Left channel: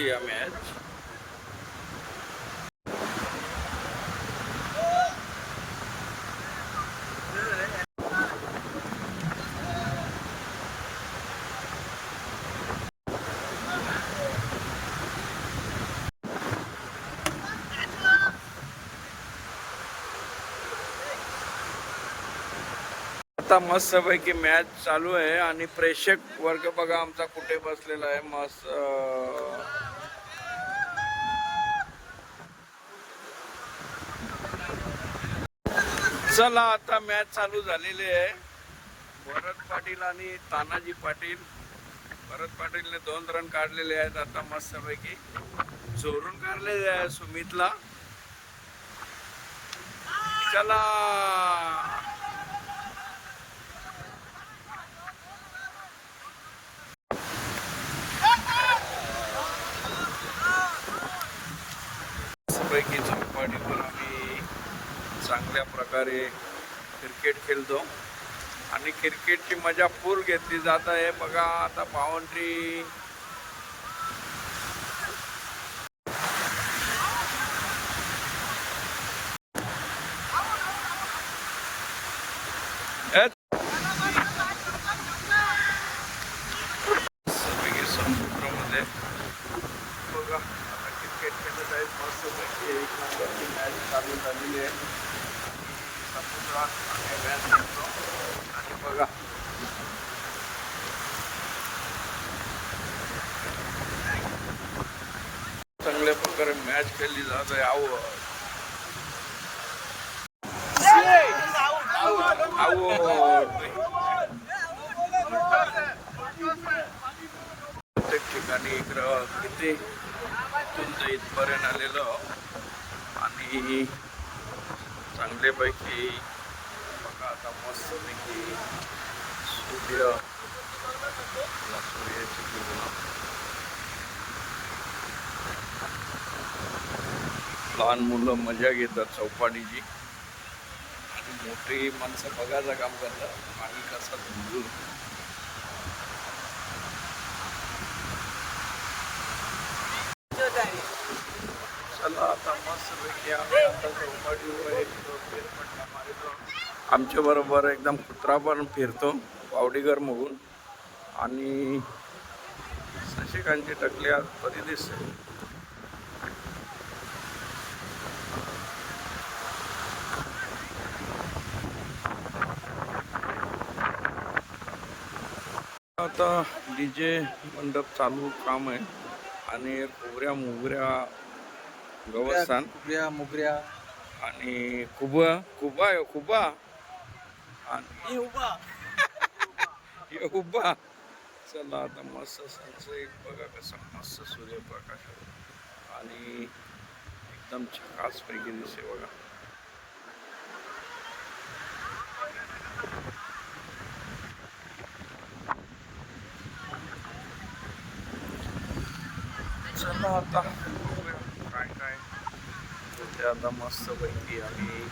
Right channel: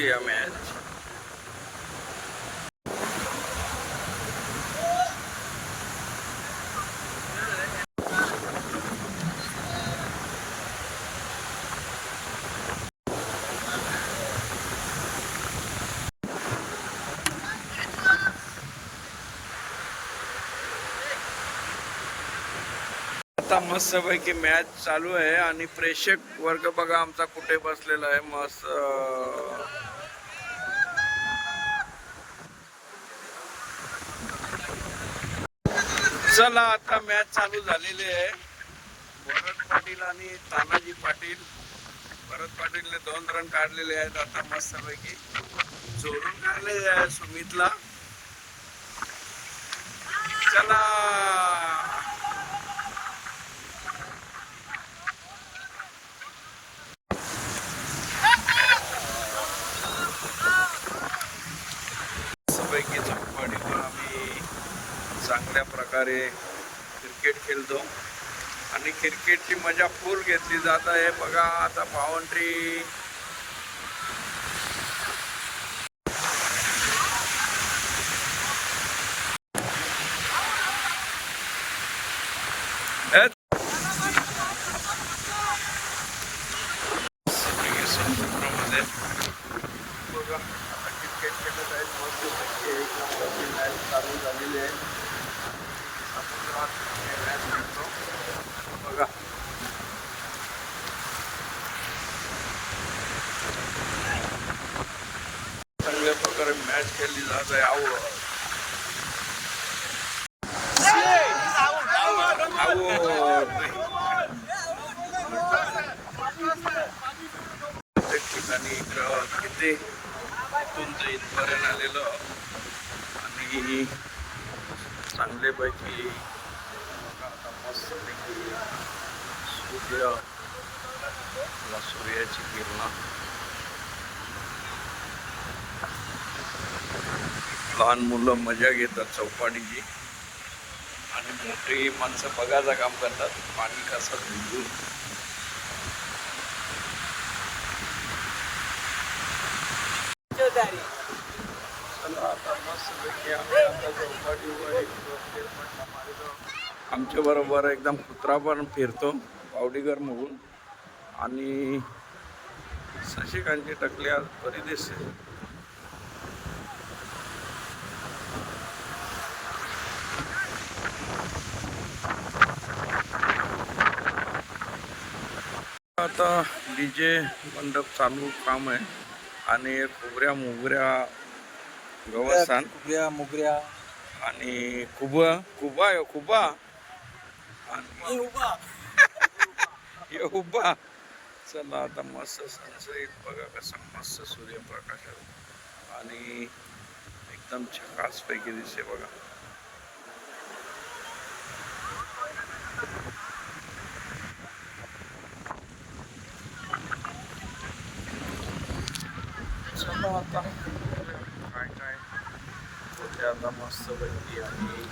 संपली या मॅच. आता मस्तपैकी मॅच चालू आहे आणि प्रेक्षक वर्ग बघा आमचा कुठे बसलेला आहे. मस्त चला आता मॅच चालू झालेली आहे. भरत पाटील आणि तानाजी पाटील. भरत पाटीलने 2 रन काढलेले आहेत. आता मस्तपैकी चोरून काढलेले आहे सुमितला. चला पैकी चौपाटीवर आम्ही चांगल्या प्रकारे क्रिकेट खेळतो आणि क्रिकेटची मजा फुल घेतली जात आहे. बघा आता बाउंड्री समुद्रामध्ये बघा आता क्रिकेट खेळत आहेत मस्तपैकी. 1 नंबरची मॅच चालू झालेली आहे आणि समुद्रात आम्ही मॅच खेळतो. आणि बघा चांगल्या प्रकारे मॅच खेळली जात आहे. प्रत्येक ठिकाणी किती इथून ते इथपर्यंत आलेलो आणि चांगल्यापैकी बघा आता मस्तपैकी सूर्याची किरण. लहान मुलं मजा घेतात चौपाटीची आणि मोठी माणसं बघायचं काम करतात पाणी कसं भिजून. चला आता मस्तपैकी आम्ही आता चौपाटीवर एक फेरफटका मारतो. आमच्या बरोबर एकदम कुत्रा पण फिरतो पावडीगर म्हणून आणि शशिकांतची टकली आज बरी दिसते. आता डीजे मंडप चालू काम आहे आणि खोबऱ्या मोगऱ्या गवसान मुगऱ्या आणि खुबा आणि उभा. चला आता मस्त सनसेट बघा कसा मस्त सूर्यप्रकाशात आणि एकदम झकास पैकी दिसते बघा. चला आता बघूया काय काय होते. आता मस्त पैकी आम्ही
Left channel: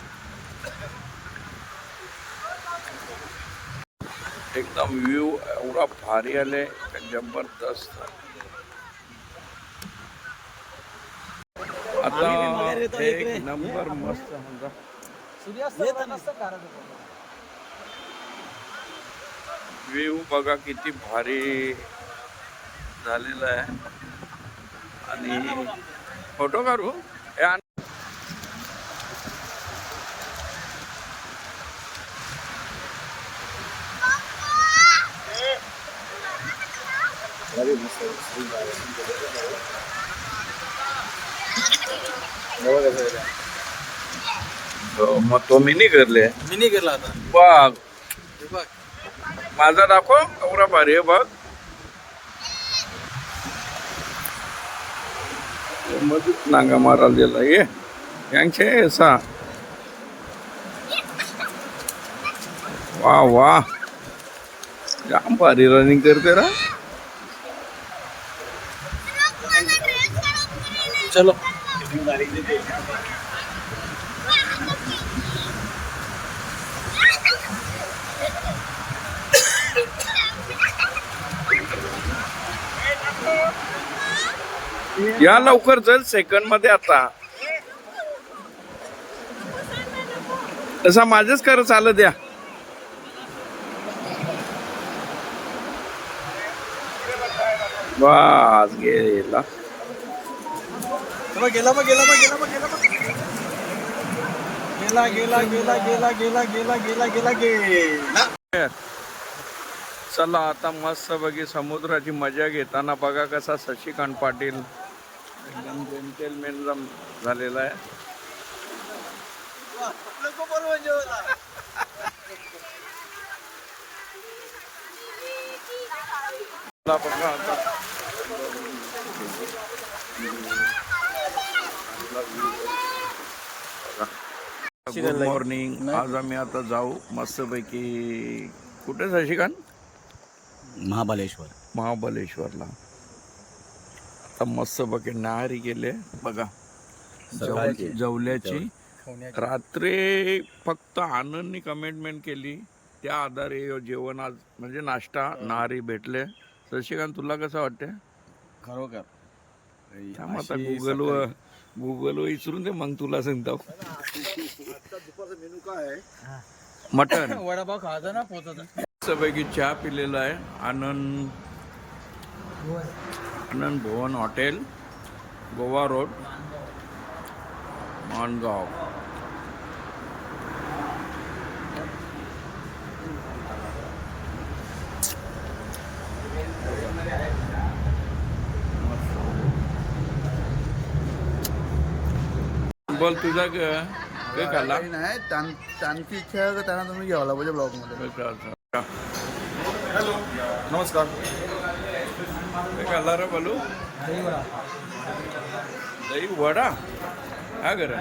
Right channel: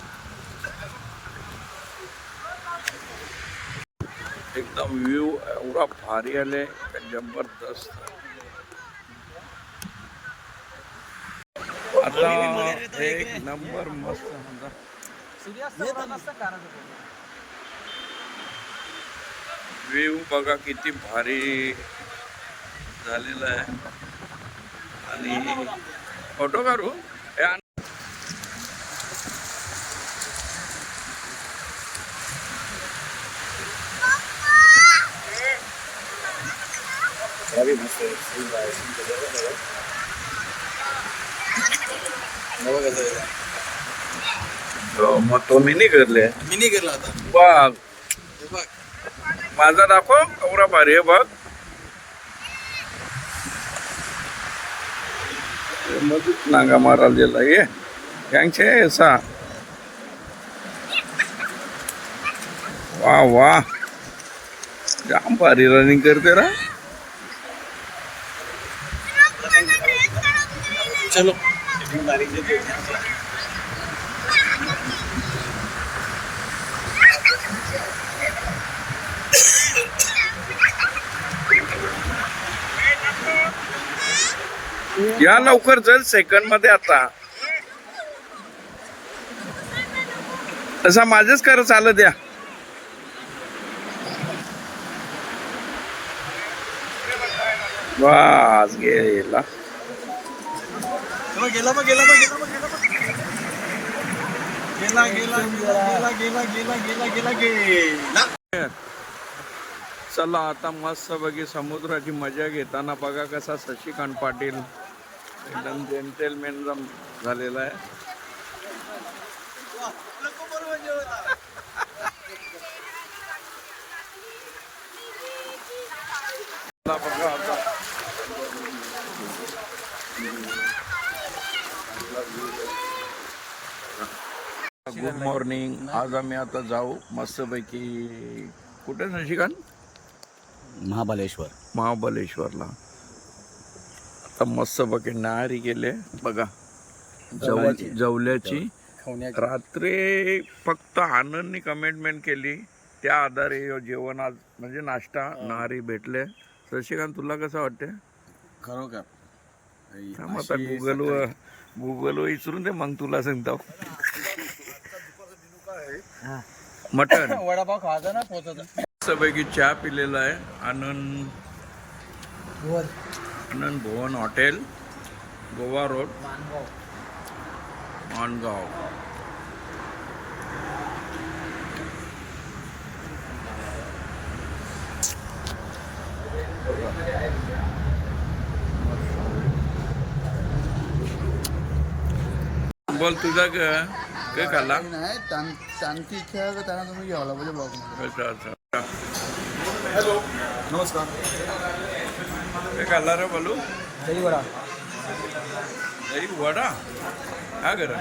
एकदम व्ह्यू एवढा भारी आले का जबरदस्त. आता 1 नंबर मस्त व्ह्यू बघा किती भारी झालेला आहे. आणि फोटो काढू मग तो मिनी करले आता बघ माझा दाखव एवढा भारी आहे बघ. मधूच नांगा मारायला गेला ये यांचे असा. वा वा जाम भारी रनिंग करते रा. चलो या लवकर चल सेकंड मध्ये आता. तसा माझंच कर चालत द्या. वास गेला. गेला मग गेला मग गेला मग गेला गेला गेला गेला गेला गेला गेला गेला गेला गेला. चला आता मस्त बघी समुद्राची मजा घेताना बघा कसा शशिकांत पाटील एकदम जेंटलमॅन झालेला आहे. बघा आता गुड मॉर्निंग. आज आम्ही आता जाऊ मस्तपैकी कुठे शशिकांत? महाबलेश्वरला. आता मस्तपैकी नाहरी गेले बघा जवल्याची. रात्री फक्त आनंदनी कमेंटमेंट केली त्या आधारे जेवण आज म्हणजे नाश्ता नाहरी भेटले. शशिकांत तुला कसं वाटते? खरोखर थांब आता गुगलवर विचारून दे मग तुला सांगतो. मटन वडापाव खायचा ना पोचायचा. मस्तपैकी चहा पिलेला आहे. आनंद भवन हॉटेल, गोवा रोड, माणगाव. बोल तुझा काय खाल्ला? नाही त्यांची इच्छा आहे त्यांना तुम्ही घ्यावला पाहिजे ब्लॉग मध्ये. अच्छा. हॅलो नमस्कार. काय खाल्ला रे बालू? दही वडा. दही वडा हा कर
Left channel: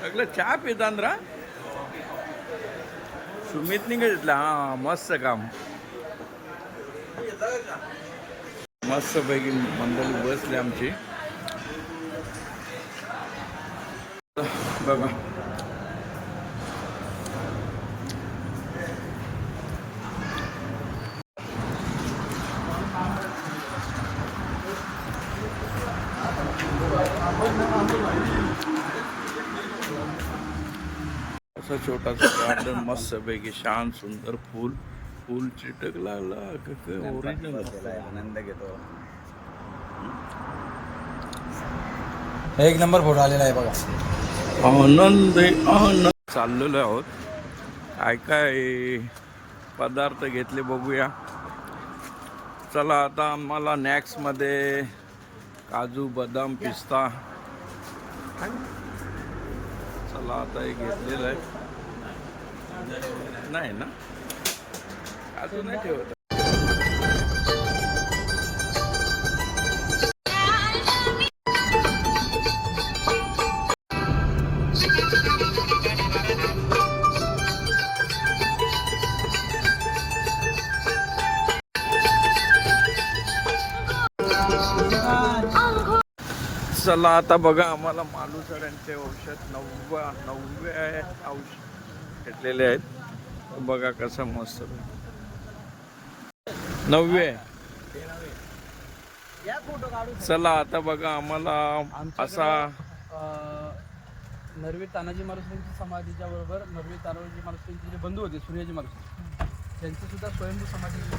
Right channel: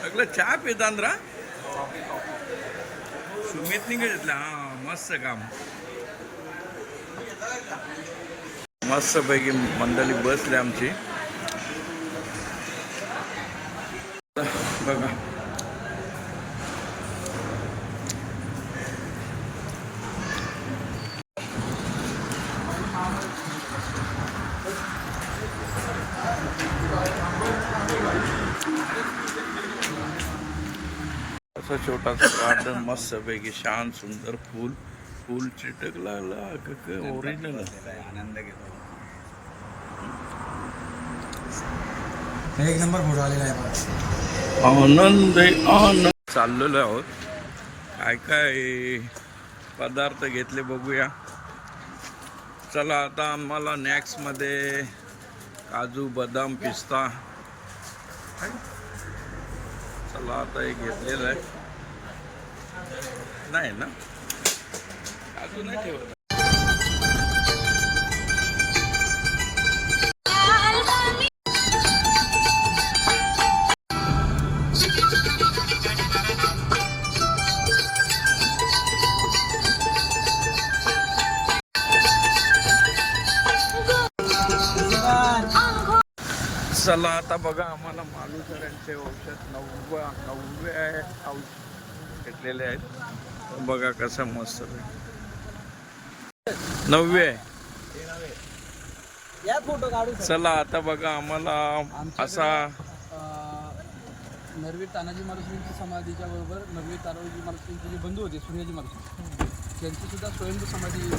सगळं चहा पितान रा. सुमितनी घेतला. हा मस्त काम. मस्त पैकी मंडळी बसले आमची बघा. असं छोटासा गार्डन मस्त पैकी शांत सुंदर फूल चिटक लागला. ओरिजिनल आनंद घेतो. एक नंबर फोटो आलेला आहे बघा. आनंद चाललेलो आहोत. काय पदार्थ घेतले बघूया. चला आता आम्हाला स्नॅक्स मध्ये काजू बदाम पिस्ता चला आता हे घेतलेलं आहे. नाही ना काजू नाही ठेवत. चला आता बघा आम्हाला मालुसऱ्यांचे औषध नववे औषध घेतलेले आहेत. बघा कसं मस्त 9 चला आता बघा आम्हाला असा नरवीर तानाजी मालुसरेंची समाधीच्या बरोबर नरवीर तानाजी मालुसरेंचे जे बंधू होते सूर्याजी मालुसरे त्यांची सुद्धा स्वयंभू समाधी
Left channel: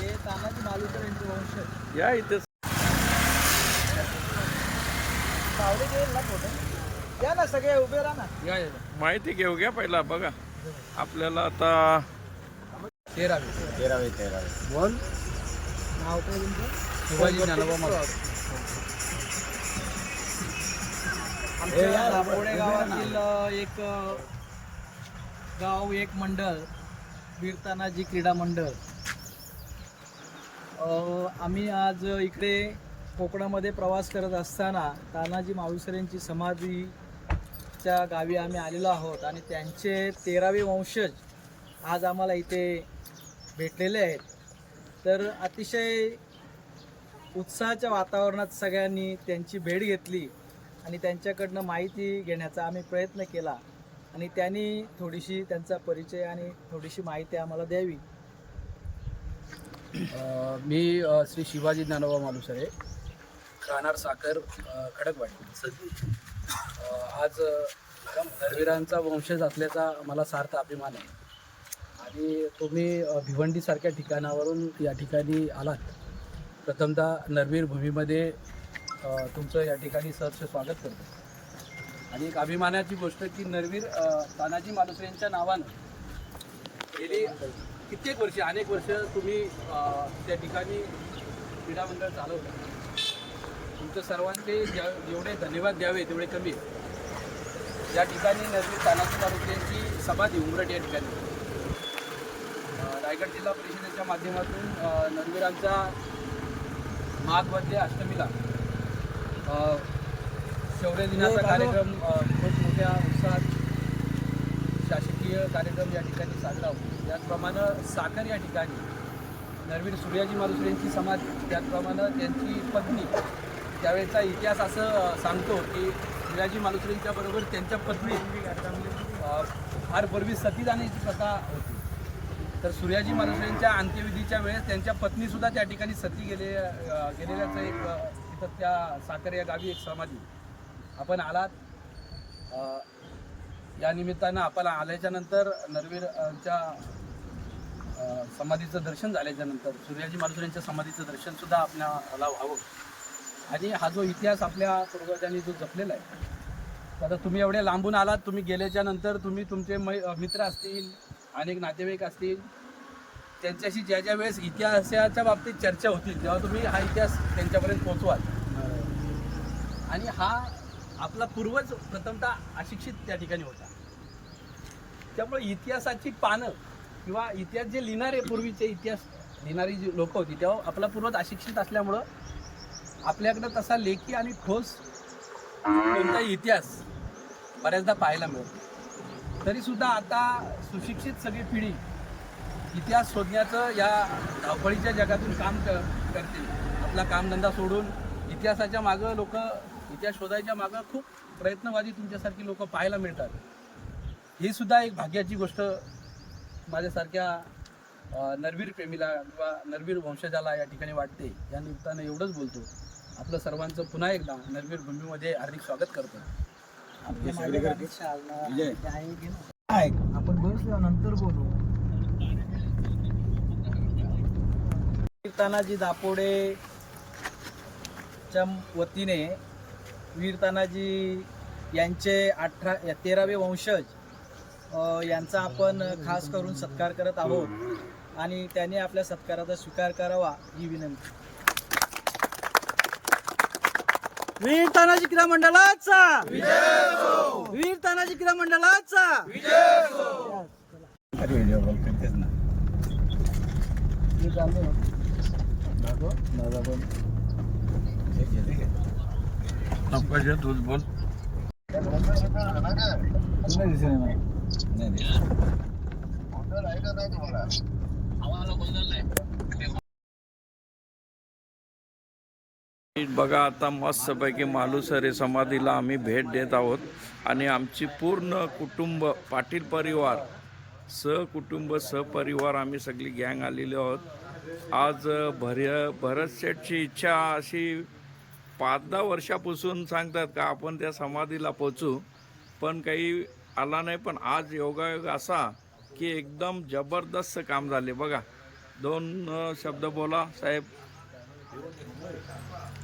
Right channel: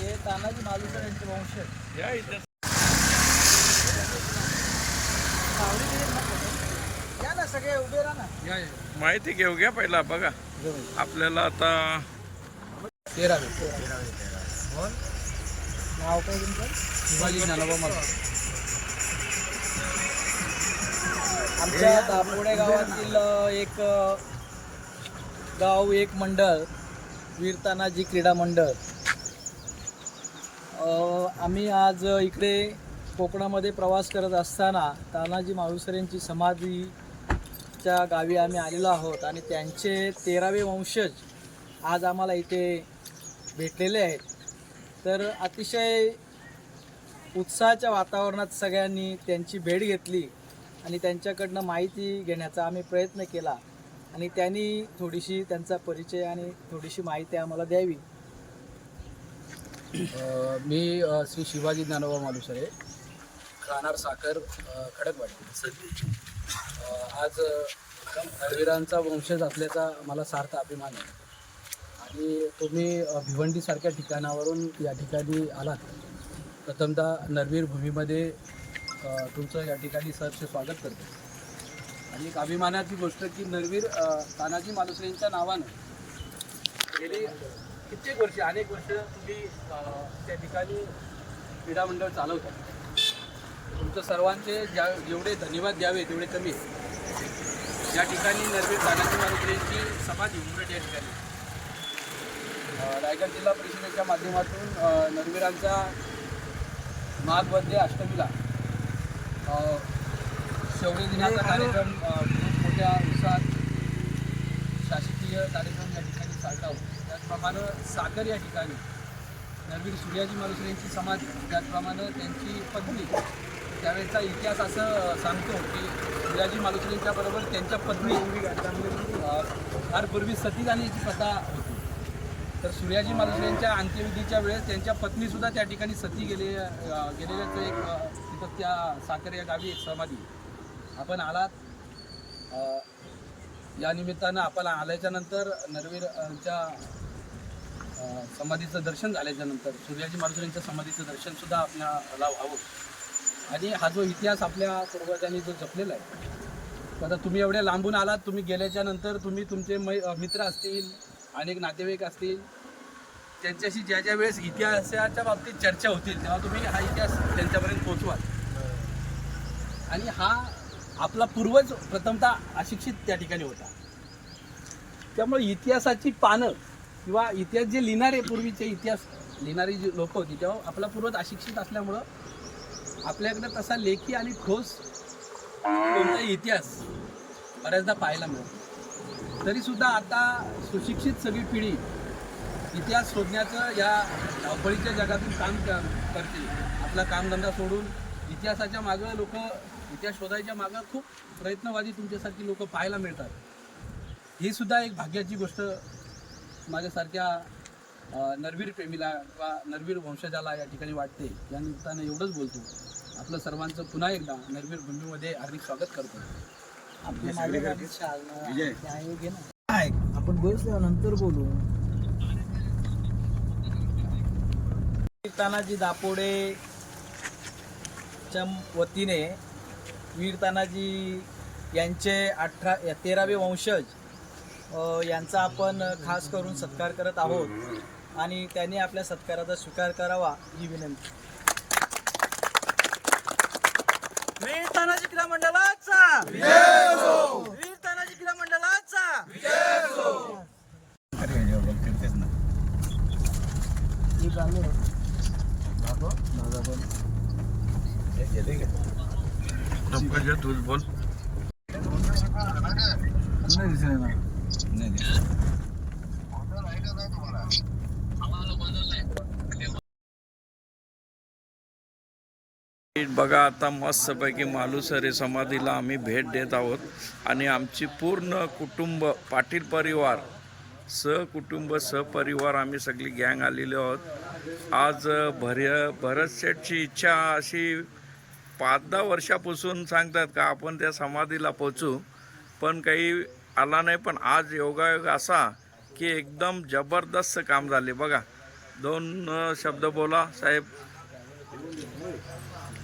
हे तानाजी मालुसरेंचे वंशज या इथे या ना सगळे उभे राहा ना. माहिती घेऊ घ्या पहिला बघा आपल्याला आता 13वे बोल नाव काय तुमचं? शिवाजी ज्ञानोबा मालुसरे. आमच्या दापोडे गावातील एक गाव एक मंडळ वीर तानाजी क्रीडा मंडळ. आम्ही आज इकडे कोकणामध्ये प्रवास करत असताना तानाजी मालुसरेंची समाधीच्या गावी आम्ही आलेलो आहोत आणि त्यांचे 13वे वंशज आज आम्हाला इथे भेटलेले आहेत. तर अतिशय उत्साहाच्या वातावरणात सगळ्यांनी त्यांची भेट घेतली आणि त्यांच्याकडनं माहिती घेण्याचा आम्ही प्रयत्न केला. आणि त्यांनी थोडीशी त्यांचा परिचय आणि थोडीशी माहिती आम्हाला द्यावी. मी श्री शिवाजी ज्ञानोबा मालुसरे, राहणार साखर, खडकवाडी. आज नरवीरांचा वंशज असल्याचा मला सार्थ अभिमान आहे आणि तुम्ही भिवंडीसारख्या ठिकाणावरून या ठिकाणी आलात. प्रथमतः नरवीर भूमीमध्ये तुमचं या ठिकाणी सहर्ष स्वागत करतो. आणि एक अभिमानाची गोष्ट की नरवीर तानाजी मालुसरेंच्या नावानं गेली कित्येक वर्षे, अनेक वर्ष तुम्ही त्या ठिकाणी क्रीडा मंडळ चालवता. तुमचं सर्वांचे जेवढे धन्यवाद द्यावे तेवढे कमी आहे. या ठिकाणी नरवीर तानाजी मालुसरेंची समाधी उमरठ या ठिकाणी रायगड जिल्हा परिषदेच्या माध्यमातून नरवीरांचा माघ अष्टमीला शौर्य दिनाचा कार्यक्रम खूप मोठ्या उत्साहात शासकीय कार्यक्रम या ठिकाणी साजरा होतो. त्याचप्रमाणे साखर या ठिकाणी नरवीर सूर्याजी मालुसरेंची समाधी, त्याचप्रमाणे त्यांची पत्नी, त्यावेळेचा इतिहास असं सांगतो की सूर्याजी मालुसरेंच्या बरोबर त्यांच्या पत्नी फार पूर्वी सती जाण्याची प्रथा होती. तर सूर्याजी मालुसरेंच्या अंत्यविधीच्या वेळेस त्यांच्या पत्नीसुद्धा त्या ठिकाणी सती गेलेल्याचं एक तिथं त्या साखर या गावी एक समाधी. आपण आलात, या निमित्तानं आपण आल्याच्या नंतर नरवीरच्या समाधीचं दर्शन झाल्याच्या नंतर सूर्याजी मालुसरेंच्या समाधीचं दर्शनसुद्धा आपल्याला व्हावं. आणि हा जो इतिहास आपल्या पूर्वजांनी जो जपलेला आहे, आता तुम्ही एवढ्या लांबून आलात, तुम्ही गेल्याच्या नंतर तुम्ही तुमचे मित्र असतील, अनेक नातेवाईक असतील, त्यांच्याशी ज्या ज्या वेळेस इतिहासाच्या बाबतीत चर्चा होतील तेव्हा तुम्ही हा इतिहास त्यांच्यापर्यंत पोहोचवाल. आणि हा आपला पूर्वज प्रथमतः अशिक्षित त्या ठिकाणी होता. त्यामुळे इतिहासाची पानं किंवा इतिहास जे लिहिणारे, पूर्वीचे इतिहास लिहिणारी जी लोक होती तेव्हा आपला पूर्वज अशिक्षित असल्यामुळं आपल्याकडं तसा लेखी आणि ठोस कोणताही इतिहास बऱ्याचदा पाहायला मिळतो. तरीसुद्धा आता सुशिक्षित सगळी पिढी इतिहास शोधण्याचं या धावपळीच्या जगातून काम करते. आपला कामधंदा सोडून इतिहासाच्या मागं लोक, इतिहास शोधायच्या मागं खूप प्रयत्नवादी तुमच्यासारखी लोक पाहायला मिळतात. ही सुद्धा एक भाग्याची गोष्ट माझ्यासारख्या नरवीर प्रेमीला किंवा नरवीर वंशजाला या ठिकाणी वाटते. या निमित्तानं एवढंच बोलतो. आपलं सर्वांचं पुन्हा एकदा नरवीर भूमीमध्ये हार्दिक स्वागत करतो. आपल्या माझ्या गाडीत आपण बोलतो नंतर बोलू. तानाजी दापोडेच्या वतीने वीर तानाजी यांचे 13वे वंशज यांचा आपण खास करून सत्कार करत आहोत आणि त्यांनी आपल्या सत्काराचा स्वीकार करावा ही विनंती. वीर तानाजी क्रीडा मंडळाचा विजय असो. वीर तानाजी क्रीडा मंडळाचा विजय असो. तूच बोल. बघा, आता मस्तपैकी मालुसरे समाधीला आम्ही भेट देत आहोत आणि आमची पूर्ण कुटुंब, पाटील परिवार, सहकुटुंब सहपरिवार आम्ही सगळी गँग आलेली आहोत. आज भरत शेठची इच्छा अशी 5-10 वर्षापासून सांगतात का आपण त्या समाधीला पोचू, पण काही आला नाही. पण आज योगायोग असा की एकदम जबरदस्त काम झाले. बघा, 2 शब्द बोला साहेब.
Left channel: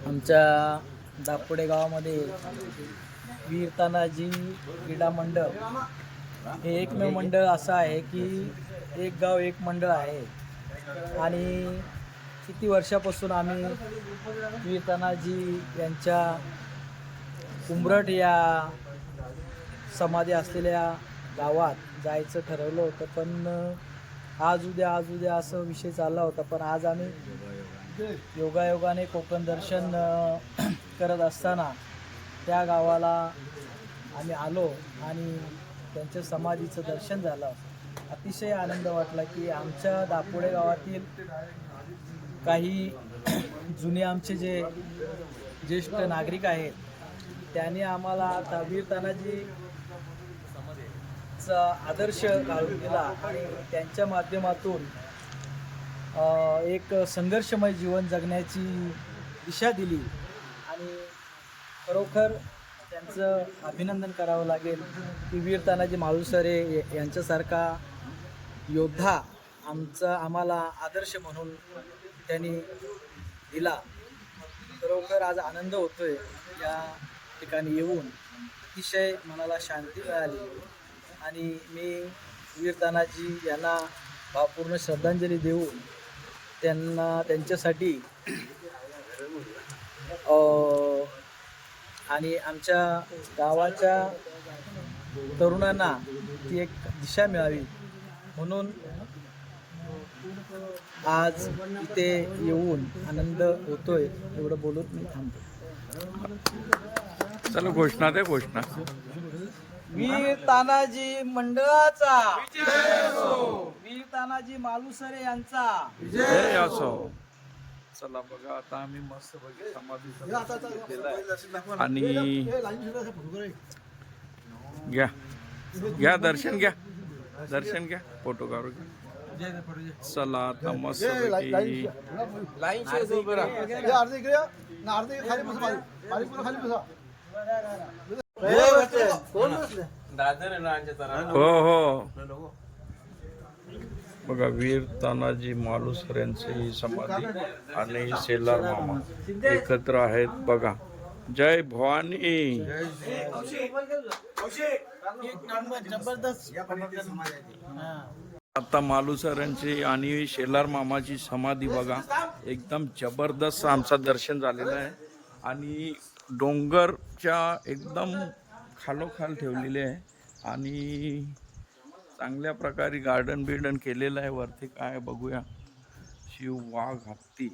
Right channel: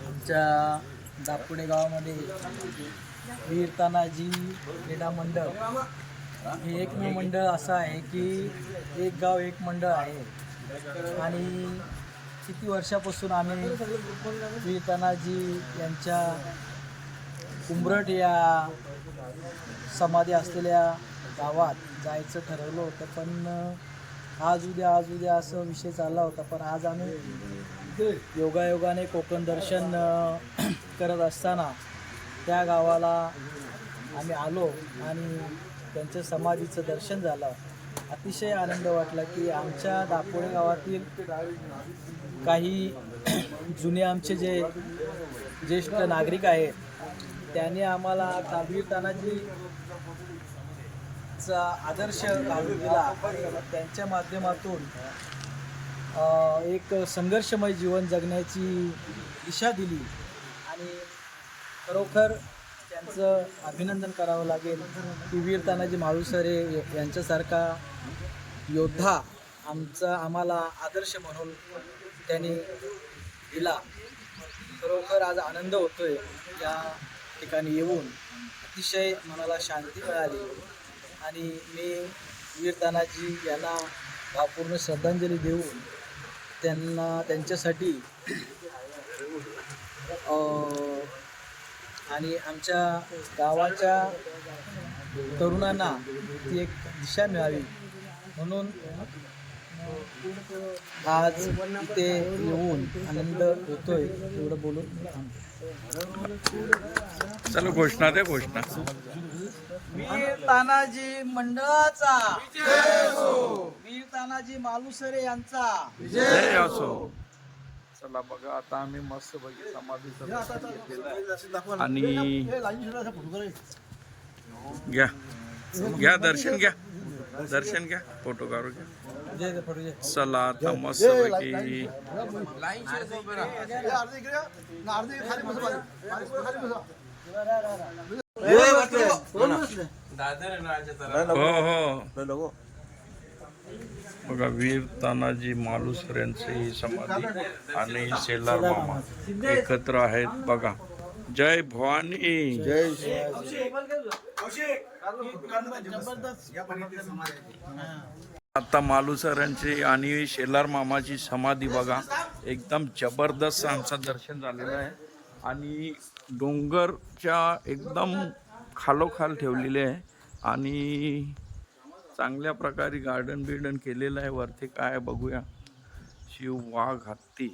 आमच्या दापोडे गावामध्ये वीर तानाजी क्रीडा मंडळ हे एकमेव मंडळ असं आहे की एक गाव एक मंडळ आहे. आणि किती वर्षापासून आम्ही वीर तानाजी यांच्या उमरठ या समाधी असलेल्या गावात जायचं ठरवलं होतं. पण आज उद्या असं विषय चालला होता. पण आज आम्ही योगायोगाने कोकण दर्शन करत असताना त्या गावाला आम्ही आलो आणि त्यांच्या समाधीचं दर्शन झालं. अतिशय आनंद वाटला की आमच्या दापोडे गावातील काही जुने आमचे जे ज्येष्ठ नागरिक आहेत त्यांनी आम्हाला वीर तानाजी त्यांचा आदर्श घालून दिला आणि त्यांच्या माध्यमातून एक संघर्षमय जीवन जगण्याची दिशा दिली आणि खरोखर त्यांचं अभिनंदन करावं लागेल की वीर तानाजी मालुसरे यांच्यासारखा योद्धा आम्हाला आदर्श म्हणून त्यांनी दिला. खरोखर आज आनंद होतोय या ठिकाणी येऊन. अतिशय मनाला शांती मिळाली आणि मी वीर तानाजी यांना भावपूर्ण श्रद्धांजली देऊन त्यांच्यासाठी आणि आमच्या गावाच्या तरुणांना ती एक दिशा मिळावी म्हणून आज इथे येऊन आनंद होतोय. एवढं बोलून मी थांबतो. चला घोषणा द्या. घोषणा. वीर तानाजी मंडळाचा वीर तानाजी मालुसरे यांचा जय असो. चला बघा आता आम्ही मस्त बघी समाधीचा दर्शन घेतलेलं आहे आणि घ्या घ्या दर्शन घ्या. दर्शन घ्या. फोटो काढू घ्या. चला आता मस्त पैकी हो हो बघा वीर तानाजी मालुसरे यांची समाधी आणि शेलार मामा एकत्र आहेत बघा. जय भवानी. आता मालुसऱ्यांची आणि शेलार मामाची समाधी बघा. एकदम जबरदस्त आमचं दर्शन झालेलं आहे आणि डोंगरच्या एकदम खालोखाल ठेवलेले आहे आणि चांगल्या प्रकारे गार्डन बिर्डन केलेलं आहे. वरती काय बघूया. शिव वाघ हत्ती.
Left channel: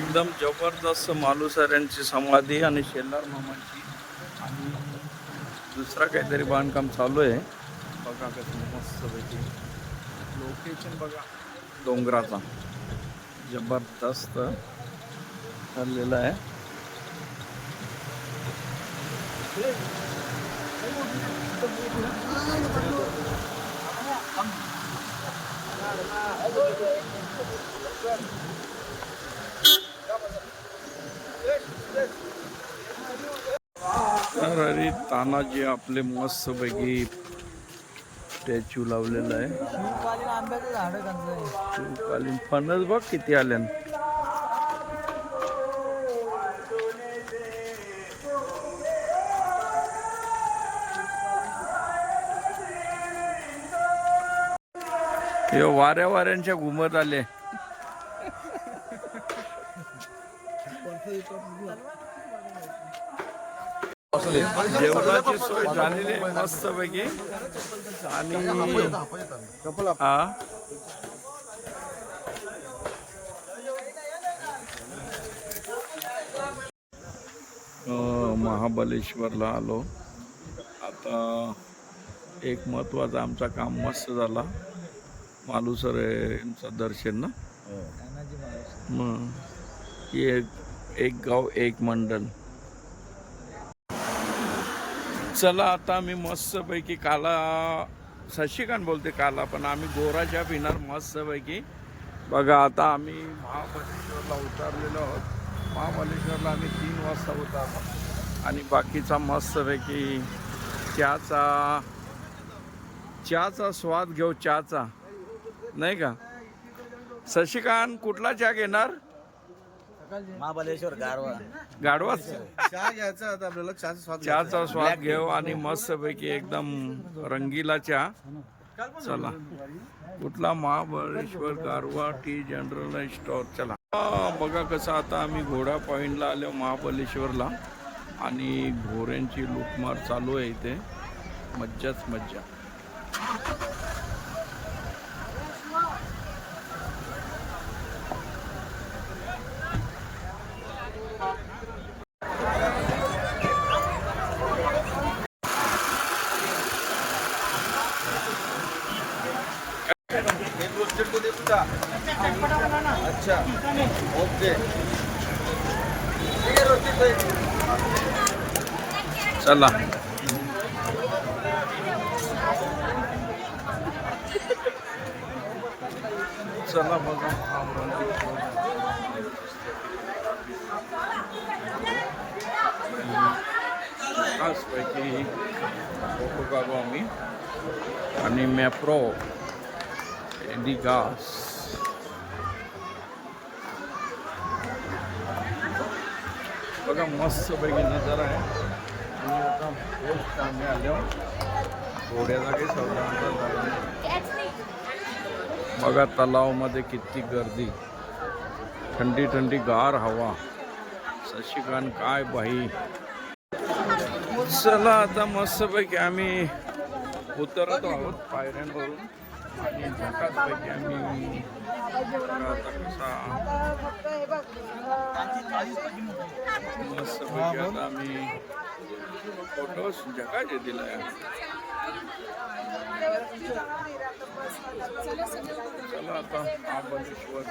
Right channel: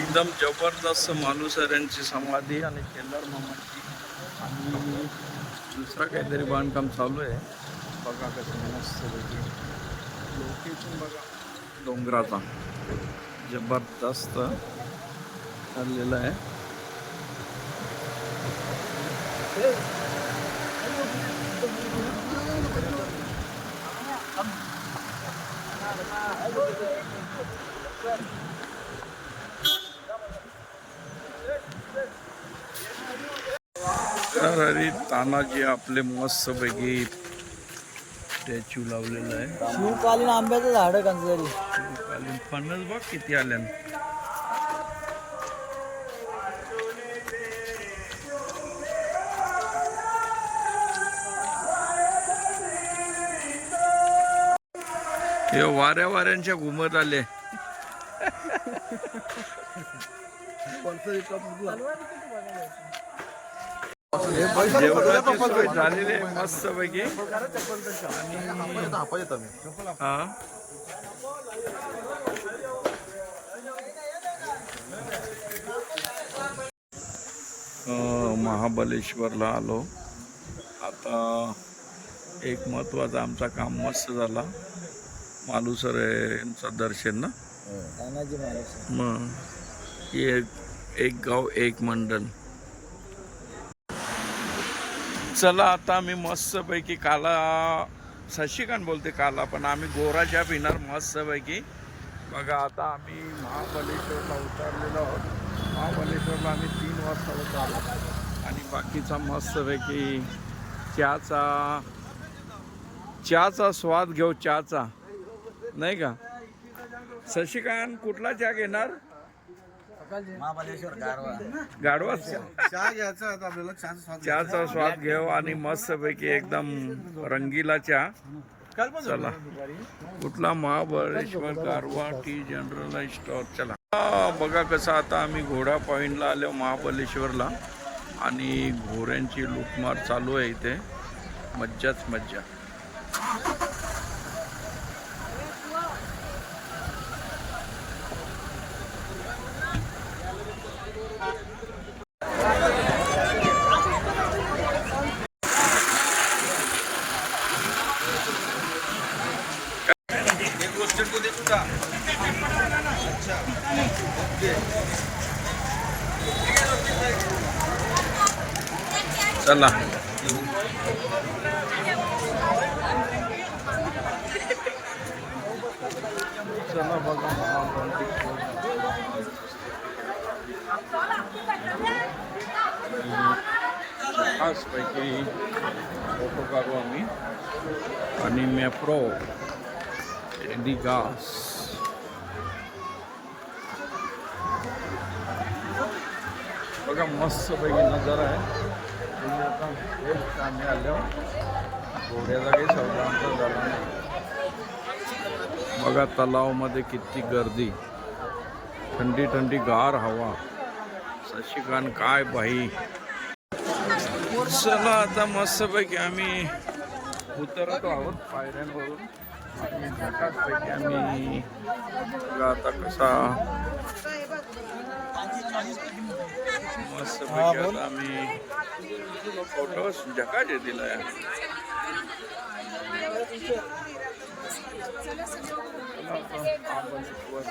एकदम जबरदस्त मालुसऱ्यांची समाधी आणि शेलार मामाची आणि दुसरा काहीतरी बांधकाम चालू आहे बघा. कसं मस्त पैकी लोकेशन बघा. डोंगराचा जबरदस्त ठरलेला आहे. तर तानाजी आपले मस्त पैकी स्टॅच्यू लावलेलं आहे. शिवकालीन आंब्याचं झाड कंजरी. शिवकालीन फणस बघ किती आल्यान. हे वाऱ्यांच्या घुमत आले. जेवणाची सोय झालेली आहे मस्त पैकी आणि हा महाबलेश्वरला आलो. आता एक महत्वाचं आमचा काम मस्त झाला. मालुसरेंचं दर्शन ना. मग एक गाव एक मंडल. चला आता आम्ही मस्तपैकी काला शशिकांत बोलते काला पण आम्ही गोरा चहा पिणार मस्तपैकी बघा. आता आम्ही महाबलेश्वरला उतरलेलो आहोत. महाबलेश्वरला आम्ही 3 वाजता उतरलो आणि बाकीचा मस्तपैकी चहाचा स्वाद घेऊ. चहाचा नाही का शशिकांत? कुठला चहा घेणार? महाबलेश्वर गाढवा चहा घ्यायचा आपल्याला. चहाचा स्वाद घेऊ आणि मस्तपैकी एकदम रंगीला चहा. चला कुठला? महाबळेश्वर गारवा टी जनरल स्टोर. चला. बघा कसं आता आम्ही घोडा पॉईंटला आलो महाबलेश्वरला आणि घोड्यांची लूटमार चालू आहे इथे. मज्जाच मज्जा. चला चला बघा महाबलेश्वर खासपैकी फोटो काढू आम्ही आणि मॅप्रो एडिगास. बघा मस्तपैकी नजारा आहे. आणि आता बेस्ट आम्ही आलो. घोड्याचा काही सौदा आमचा झाला नाही. बघा तलावमध्ये किती गर्दी. थंडी थंडी गार हवा. शशिकांत काय बाई. चला आता मस्तपैकी आम्ही उतरत आहोत पायऱ्यांवरून आणि झकासपैकी आम्ही आता कसा मस्तपैकी आता आम्ही फोटोज झकाच येतील. चला आता महाबलेश्वर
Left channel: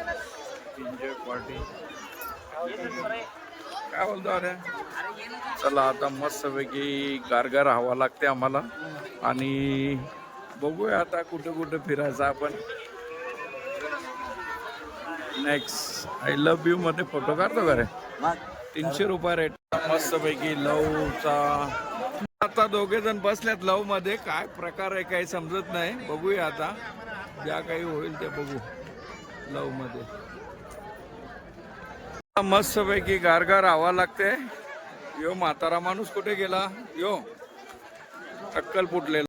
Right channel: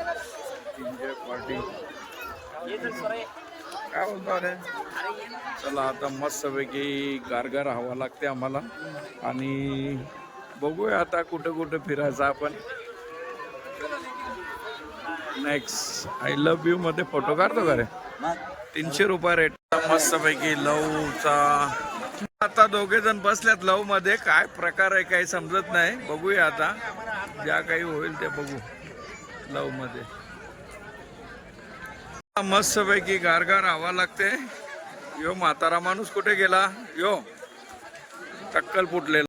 एन्जॉय पार्टी काय बोलतो अरे. चला आता मस्तपैकी गारगार हवा लागते आम्हाला आणि बघूया आता कुठं कुठं फिरायचं आपण. नेक्स्ट आय लव्ह यू मध्ये फोटो काढतो का रे. 300 रुपये रेट. मस्तपैकी लवचा आता दोघे जण बसल्यात लव मध्ये. काय प्रकार आहे काही समजत नाही. बघूया आता ज्या काही होईल ते बघू लव मध्ये. मस्तपैकी गारगार हवा लागते. यो म्हातारा माणूस कुठे गेला. यो टक्कल फुटलेला.